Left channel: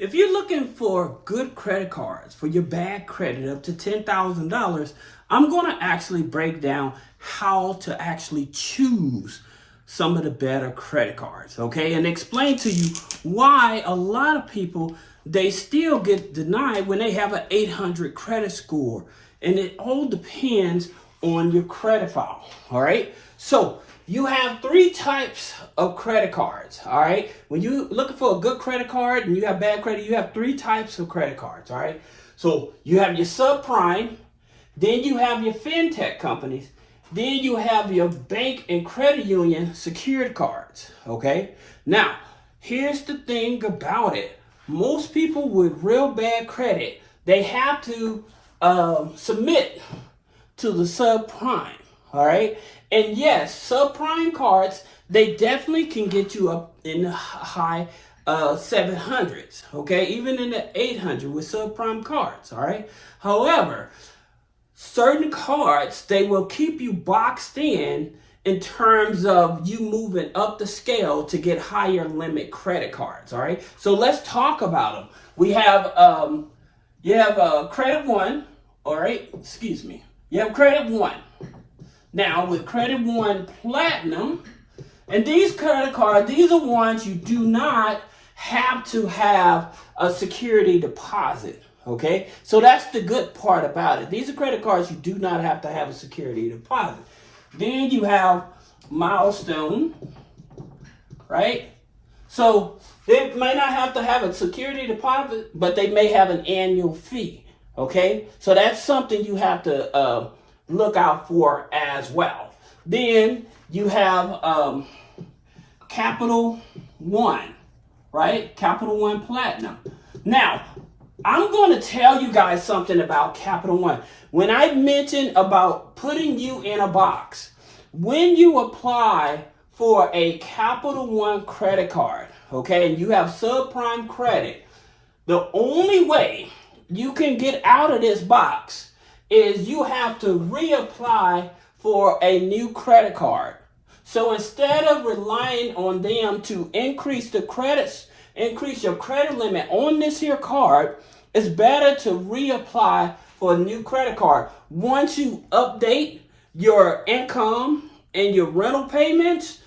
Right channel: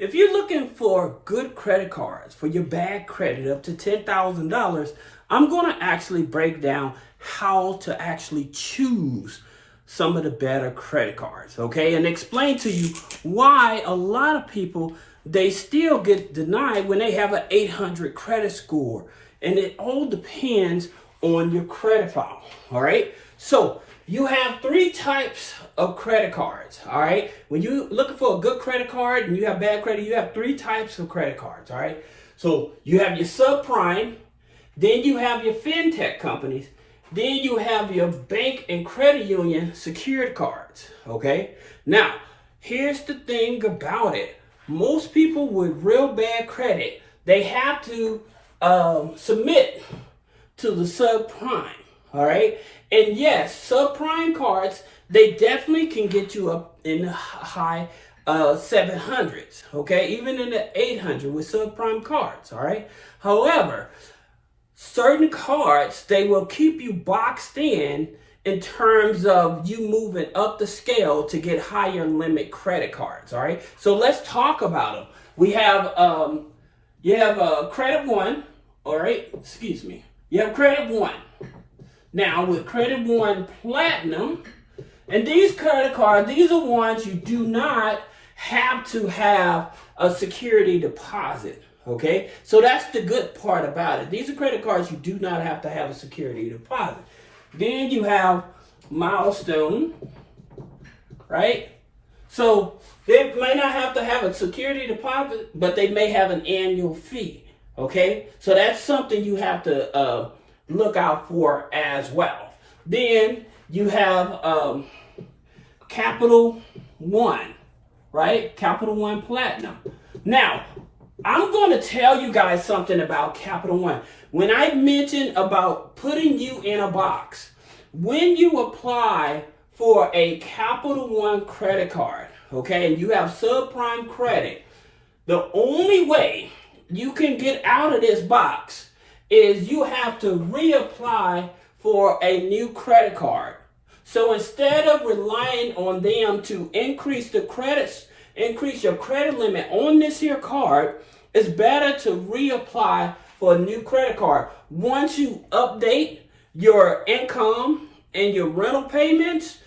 If you're looking for good credit cards for your bad credit up to $10,000, I'm going to actually break down how to actually choose some of the better credit cards, okay? And explain to you why a lot of people, they still get denied when they have an 800 credit score. And it all depends on your credit file, all right? So you have three types of credit cards, all right? When you're looking for a good credit card and you have bad credit, you have three types of credit cards, all right? So you have your subprime, then you have your Fintech companies, then you have your bank and credit union secured cards, okay? Now, here's the thing about it. Most people with real bad credit, they have to submit to the subprime, all right? And yes, subprime cards, they definitely can get you up in the high 700s, okay? Even in the 800 with subprime cards, all right? However, certain cards, they will keep you boxed in terms of you moving up the scale to get higher limit credit cards, all right? So let's talk about them. We have, you have Credit One, all right? Excuse me. You have Credit One. Now, with Credit One Platinum, and these credit cards, these are ones you do not have to have a security deposit, okay? So that's the good part about it. These are credit cards you do not have to have a security deposit. Then you have Milestone, right? So they may not have to have a security deposit, but they may have an annual fee, okay? So that's something you have to look out for as well. Then you have Capital One, right? Capital One Platinum. Now, I'm going to tell you guys something about Capital One. When I mentioned about putting you in a box, when you apply for a Capital One credit card, okay, and you have subprime credit, the only way you can get out of this box is you have to reapply for a new credit card. So instead of relying on them to increase your credit limit on this here card, it's better to reapply for a new credit card. Once you update your income and your rental payments,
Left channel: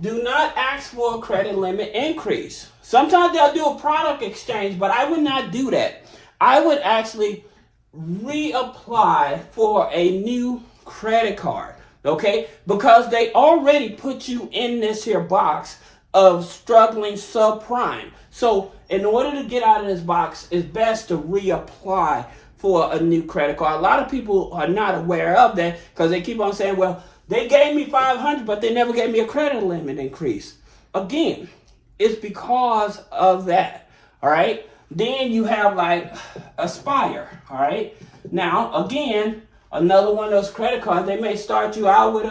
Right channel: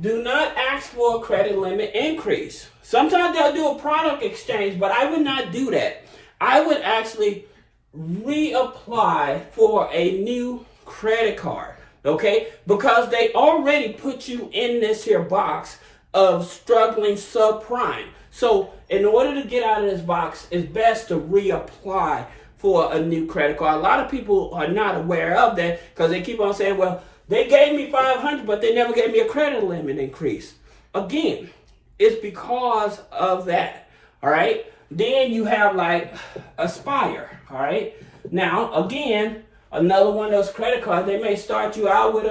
do not ask for a credit limit increase. Sometimes they'll do a product exchange, but I would not do that. I would actually reapply for a new credit card, okay? Because they already put you in this here box of struggling subprime. So in order to get out of this box, it's best to reapply for a new credit card. A lot of people are not aware of that because they keep on saying, well, they gave me $500, but they never gave me a credit limit increase. Again, it's because of that, all right? Then you have like Aspire, all right? Now, again, another one of those credit cards, they may start you out with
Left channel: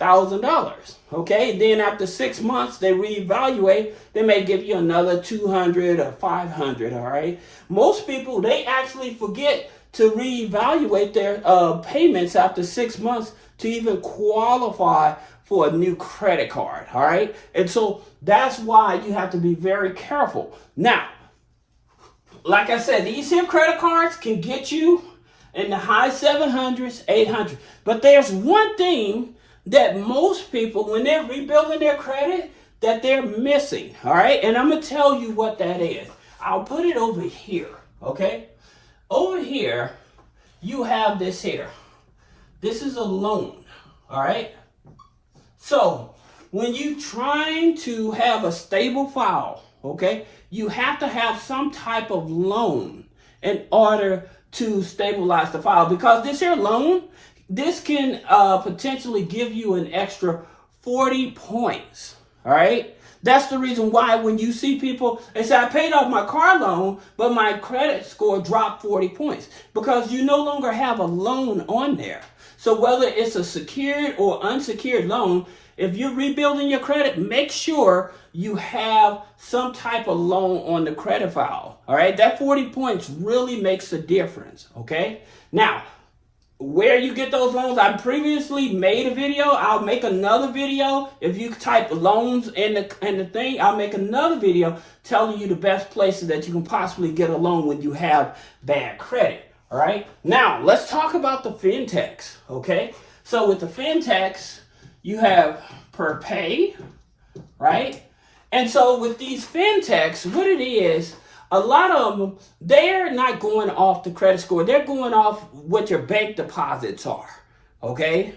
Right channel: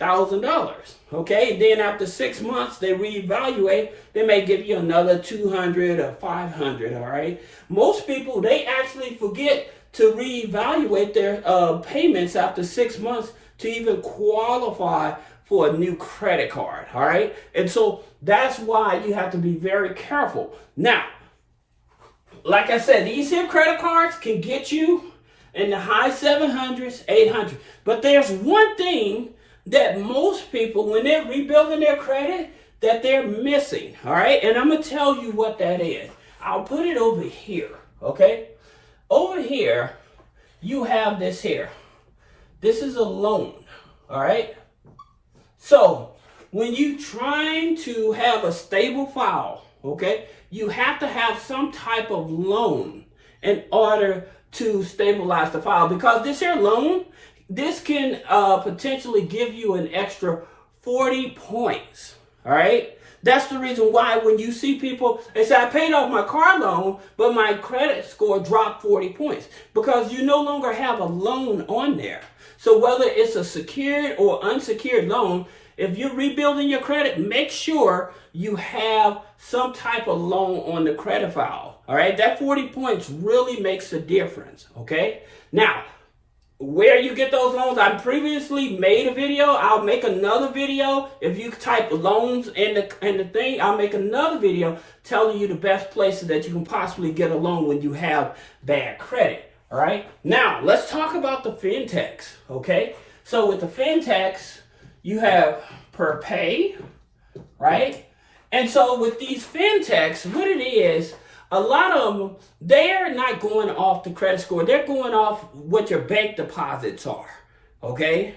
$1,000, okay? Then after 6 months, they reevaluate. They may give you another $200 or $500, all right? Most people, they actually forget to reevaluate their payments after 6 months to even qualify for a new credit card, all right? And so that's why you have to be very careful. Now, like I said, these here credit cards can get you in the high 700s, 800. But there's one thing that most people, when they're rebuilding their credit, that they're missing, all right? And I'm going to tell you what that is. I'll put it over here, okay? Over here, you have this here. This is a loan, all right? So when you're trying to have a stable file, okay, you have to have some type of loan in order to stabilize the file, because this here loan, this can potentially give you an extra 40 points, all right? That's the reason why when you see people, they say, I paid off my car loan, but my credit score dropped 40 points, because you no longer have a loan on there. So whether it's a secured or unsecured loan, if you're rebuilding your credit, make sure you have some type of loan on the credit file, all right? That 40 points really makes a difference, okay? Now, where you get those loans. I previously made a video. I'll make another video. If you type loans in the thing, I'll make another video telling you the best places that you can possibly get a loan when you have bad credit. All right. Now let's talk about the fintechs. Okay. So with the fintechs, you have per pay, right? And so with these fintechs, what it is, a lot of them, they're not going off the credit score. They're going off what your bank deposits are, okay?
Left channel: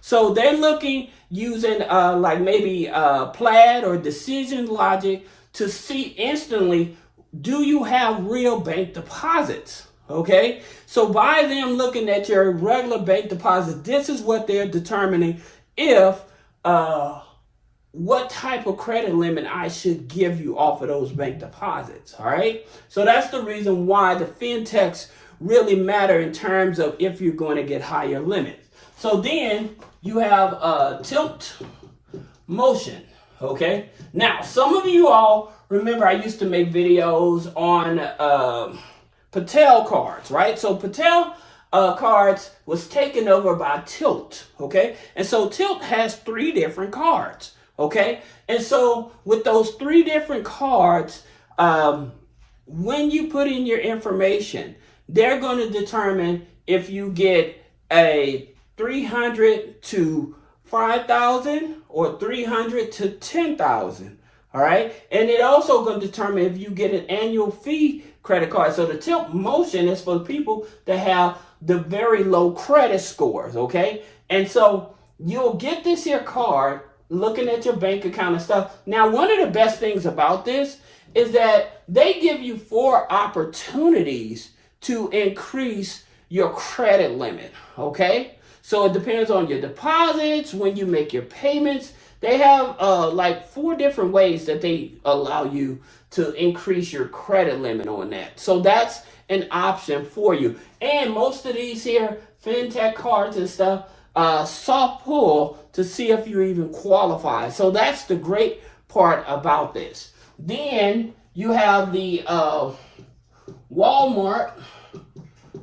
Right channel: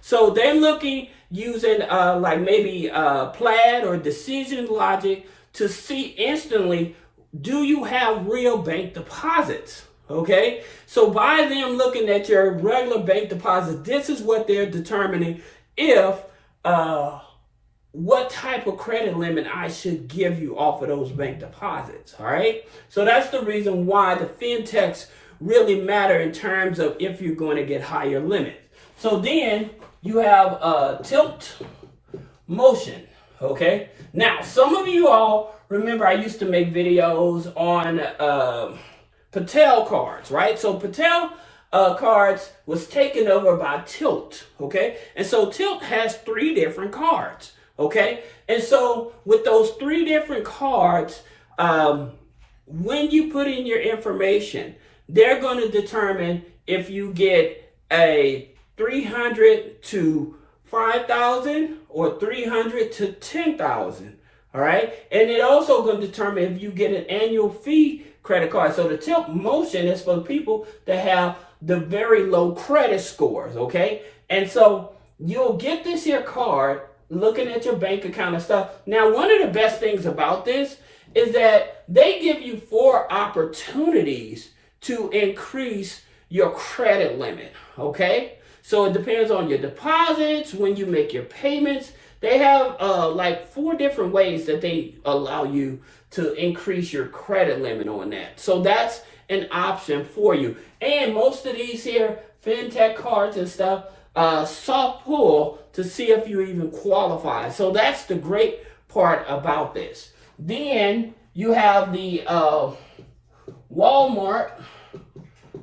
So they're looking using like maybe Plaid or Decision Logic to see instantly, do you have real bank deposits, okay? So by them looking at your regular bank deposits, this is what they're determining if what type of credit limit I should give you off of those bank deposits, all right? So that's the reason why the fintechs really matter in terms of if you're going to get higher limits. So then you have tilt motion, okay? Now, some of you all remember I used to make videos on Patel cards, right? So Patel cards was taken over by Tilt, okay? And so Tilt has 3 different cards. Okay, and so with those 3 different cards, when you put in your information, they're going to determine if you get a 300 to 5,000 or 300 to 10,000. All right, and it also going to determine if you get an annual fee credit card. So the tilt motion is for the people that have the very low credit scores. Okay, and so you'll get this here card looking at your bank account and stuff. Now, one of the best things about this is that they give you 4 opportunities to increase your credit limit, okay? So it depends on your deposits, when you make your payments. They have like 4 different ways that they allow you to increase your credit limit on that. So that's an option for you. And most of these here, fintech cards and stuff, soft pull to see if you even qualify. So that's the great part about this. Then you have the Walmart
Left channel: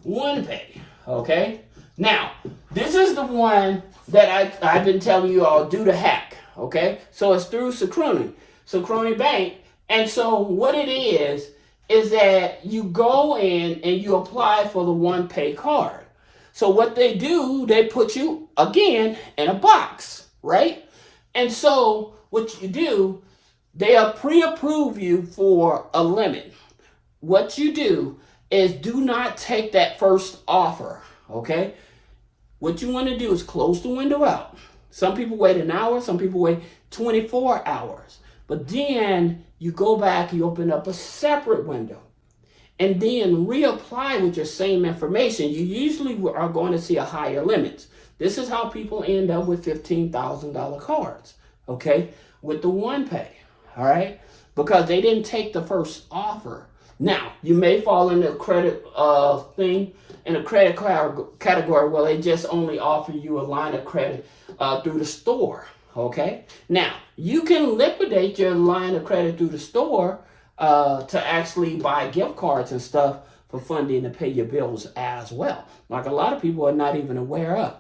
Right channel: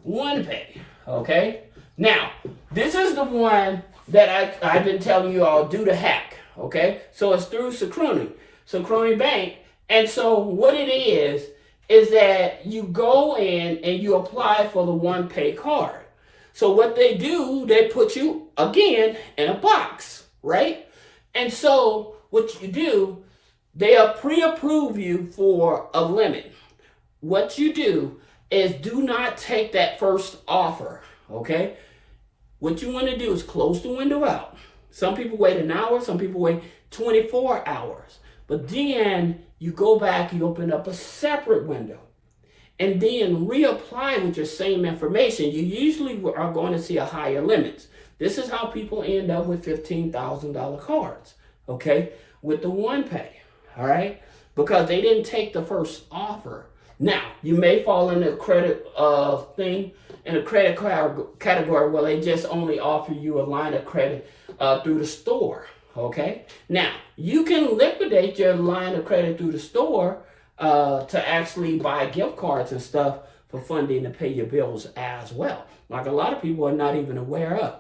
OnePay. Okay. Now this is the one that I've been telling you all do the hack. Okay. So it's through Synchrony Bank. And so what it is that you go in and you apply for the OnePay card. So what they do, they put you, again, in a box, right? And so what you do, they pre-approve you for a limit. What you do is do not take that first offer, okay? What you want to do is close the window out. Some people wait an hour, some people wait 24 hours. But then you go back, you open up a separate window. And then reapply with your same information, you usually are going to see a higher limit. This is how people end up with $15,000 cards, okay, with the OnePay, all right, because they didn't take the first offer. Now, you may fall in the credit thing, in the credit category where they just only offer you a line of credit through the store, okay? Now, you can liquidate your line of credit through the store to actually buy gift cards and stuff for funding to pay your bills as well. Like a lot of people are not even aware of,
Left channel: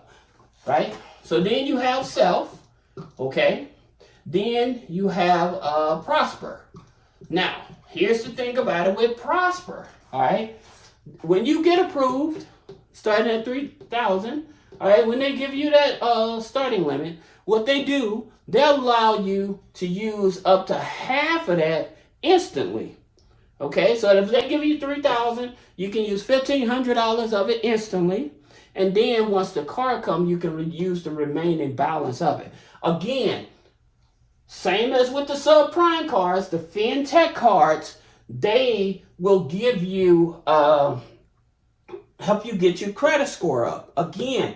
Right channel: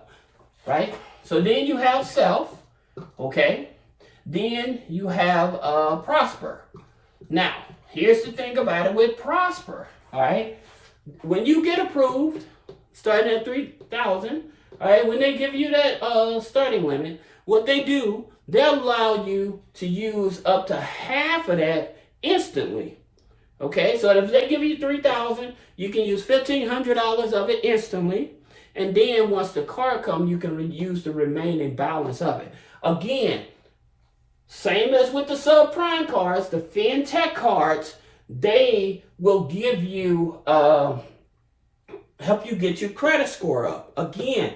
right? So then you have Self, okay? Then you have Prosper. Now, here's the thing about it with Prosper, all right? When you get approved, starting at 3,000, all right, when they give you that starting limit, what they do, they'll allow you to use up to half of that instantly. Okay, so if they give you 3,000, you can use $1,500 of it instantly, and then once the card comes, you can use the remaining balance of it. Again, same as with the subprime cards, the fintech cards, they will give you help you get your credit score up. Again,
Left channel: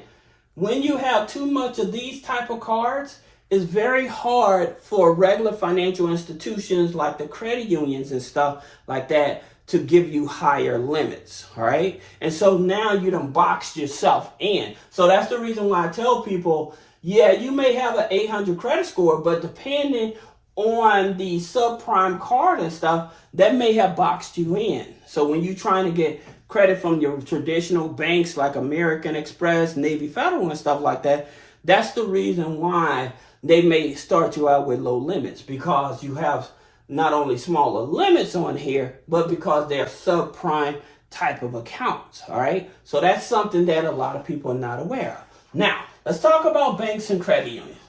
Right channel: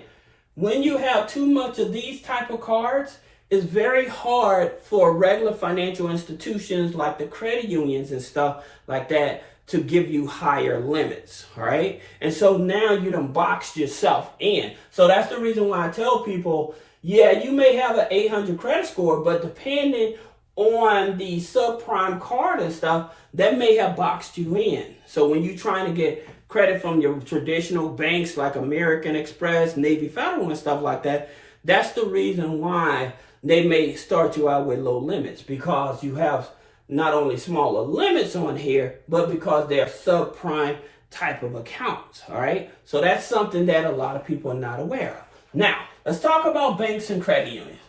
when you have too much of these type of cards, it's very hard for regular financial institutions like the credit unions and stuff like that to give you higher limits, all right? And so now you done boxed yourself in. So that's the reason why I tell people, yeah, you may have an 800 credit score, but depending on the subprime card and stuff, that may have boxed you in. So when you're trying to get credit from your traditional banks like American Express, Navy Federal, and stuff like that, that's the reason why they may start you out with low limits, because you have not only smaller limits on here, but because they're subprime type of accounts. All right. So that's something that a lot of people are not aware of. Now, let's talk about banks and credit unions.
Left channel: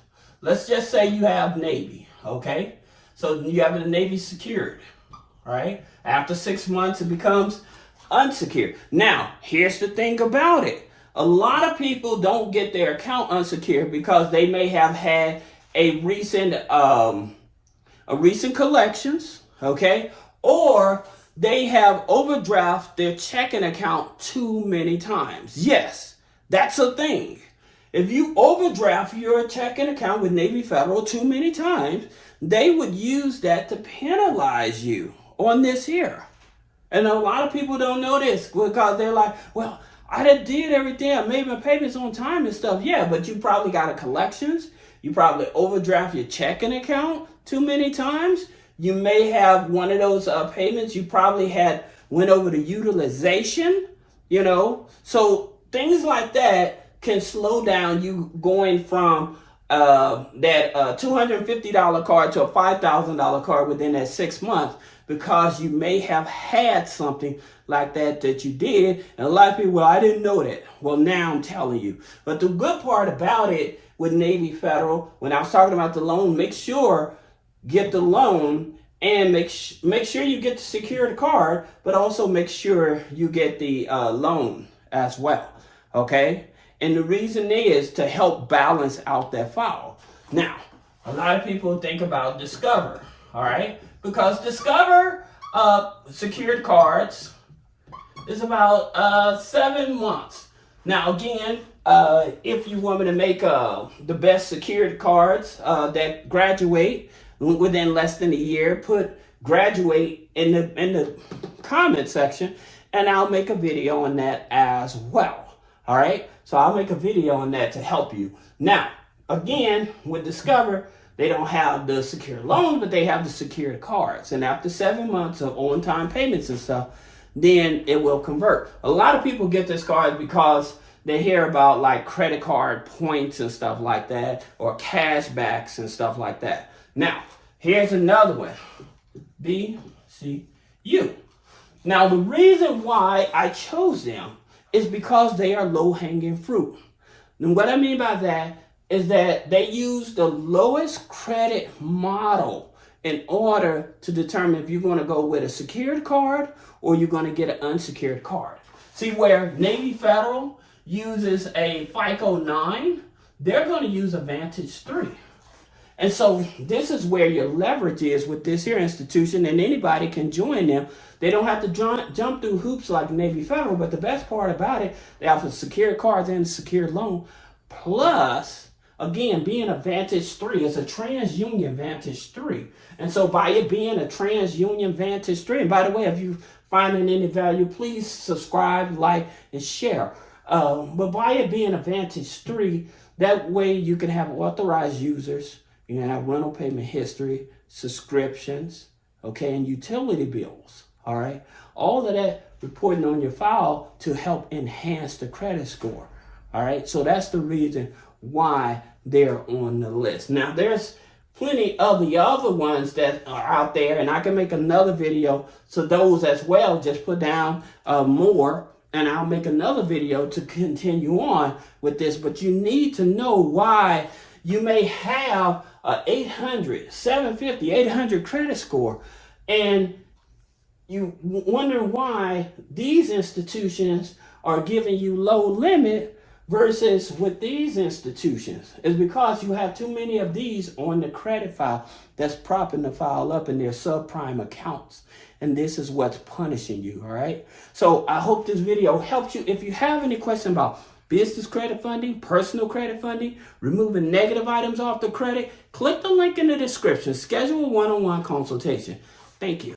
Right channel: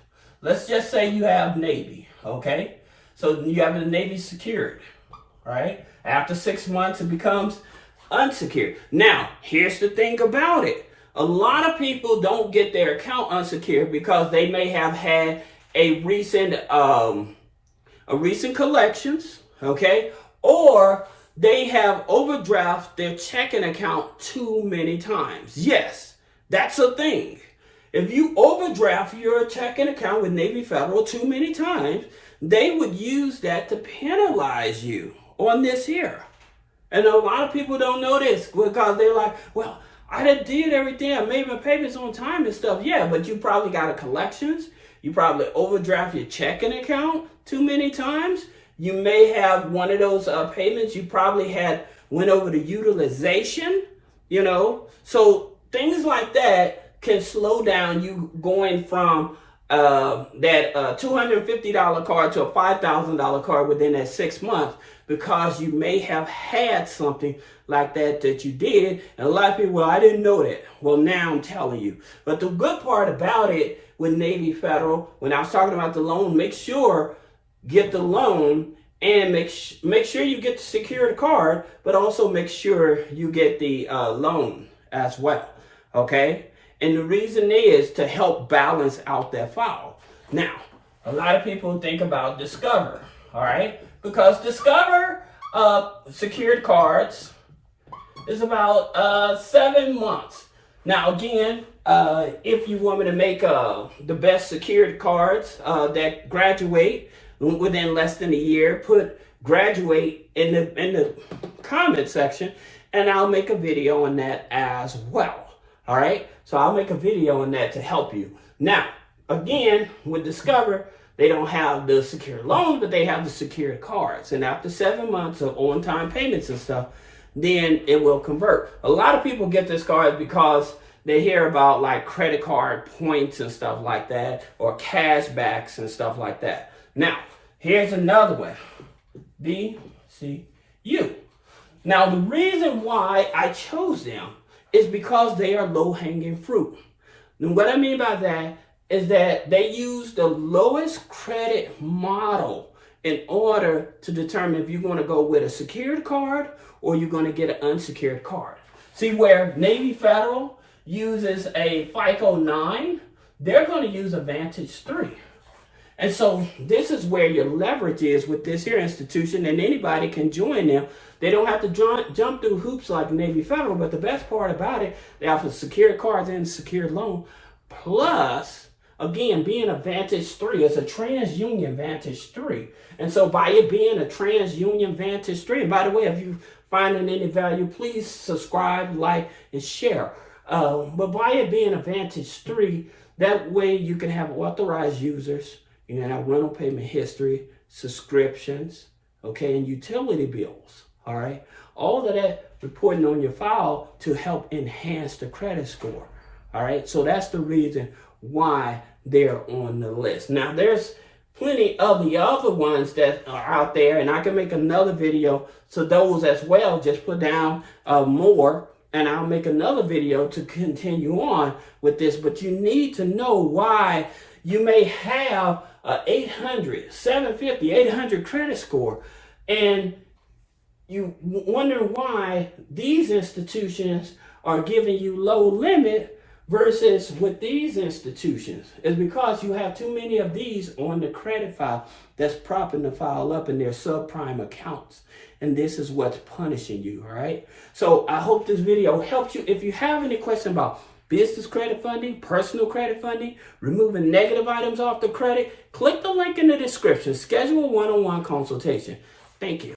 Let's just say you have Navy. Okay. So you have the Navy secured. Right. After 6 months, it becomes unsecured. Now, here's the thing about it. A lot of people don't get their account unsecured because they may have had a recent collections, okay, or they have overdraft their checking account too many times. Yes, that's a thing. If you overdraft your checking account with Navy Federal too many times, they would use that to penalize you on this here. And a lot of people don't know this because they're like, well, I did everything. I made my payments on time and stuff. Yeah, but you probably got a collections. You probably overdraft your checking account too many times. You may have one of those payments. You probably went over the utilization, So things like that can slow down you going from that $250 card to a $5,000 card within that 6 months, because you may have had something like that you did. And a lot of people, well, I didn't know that. Well, now I'm telling you. But the good part about it with Navy Federal, when I was talking about the loan, make sure get the loan and make sure you get the secured card, but also make sure you get the loan as well. Okay. And the reason is to help balance out that file. Now, a lot of people think about Discover, all right? Because Discover secured cards is about 7 months. Now, again, if you want me to make the best secured cards that graduate within less than a year, put graduate in the comment section, and I'll make a video on that as well. All right, so I'll make a video on that to help you. Now, again, with Discover, they don't have the secured loan, but they have the secured cards. And after 7 months of on-time payments and stuff, then it will convert. A lot of people get this card because they hear about like credit card points and stuff like that, or cashbacks and stuff like that. Now, here's another one, BCU. Now, the reason why I chose them is because they are low-hanging fruit. And what I mean by that is that they use the lowest credit model in order to determine if you're going to go with a secured card or you're going to get an unsecured card. See, where Navy Federal uses a FICO 9, they're going to use a Vantage 3. And so this is where your leverage is with this here institution, and anybody can join them. They don't have to jump through hoops like Navy Federal, but the best part about it, they offer secured cards and secured loan. Plus, again, being a Vantage 3, it's a TransUnion Vantage 3. And so by it being a TransUnion Vantage 3, and by the way, if you find any value, please subscribe, like, and share. But by it being a Vantage 3, that way you can have authorized users, you can have rental payment history, subscriptions, okay, and utility bills. All right, all of that reporting on your file to help enhance the credit score. All right, so that's the reason why they're on the list. Now, there's plenty of the other ones that are out there, and I can make another video. So those as well, just put down more, and I'll make another video to continue on with this. But you need to know why you may have a 800, 750, 800 credit score, and you wonder why these institutions are giving you low limit versus with these institutions. It's because you have too many of these on the credit file that's propping the file up in their subprime accounts. And this is what's punishing you, all right? So I hope this video helps you. If you have any question about business credit funding, personal credit funding, removing negative items off the credit, click the link in the description. Schedule a one-on-one consultation. Thank you.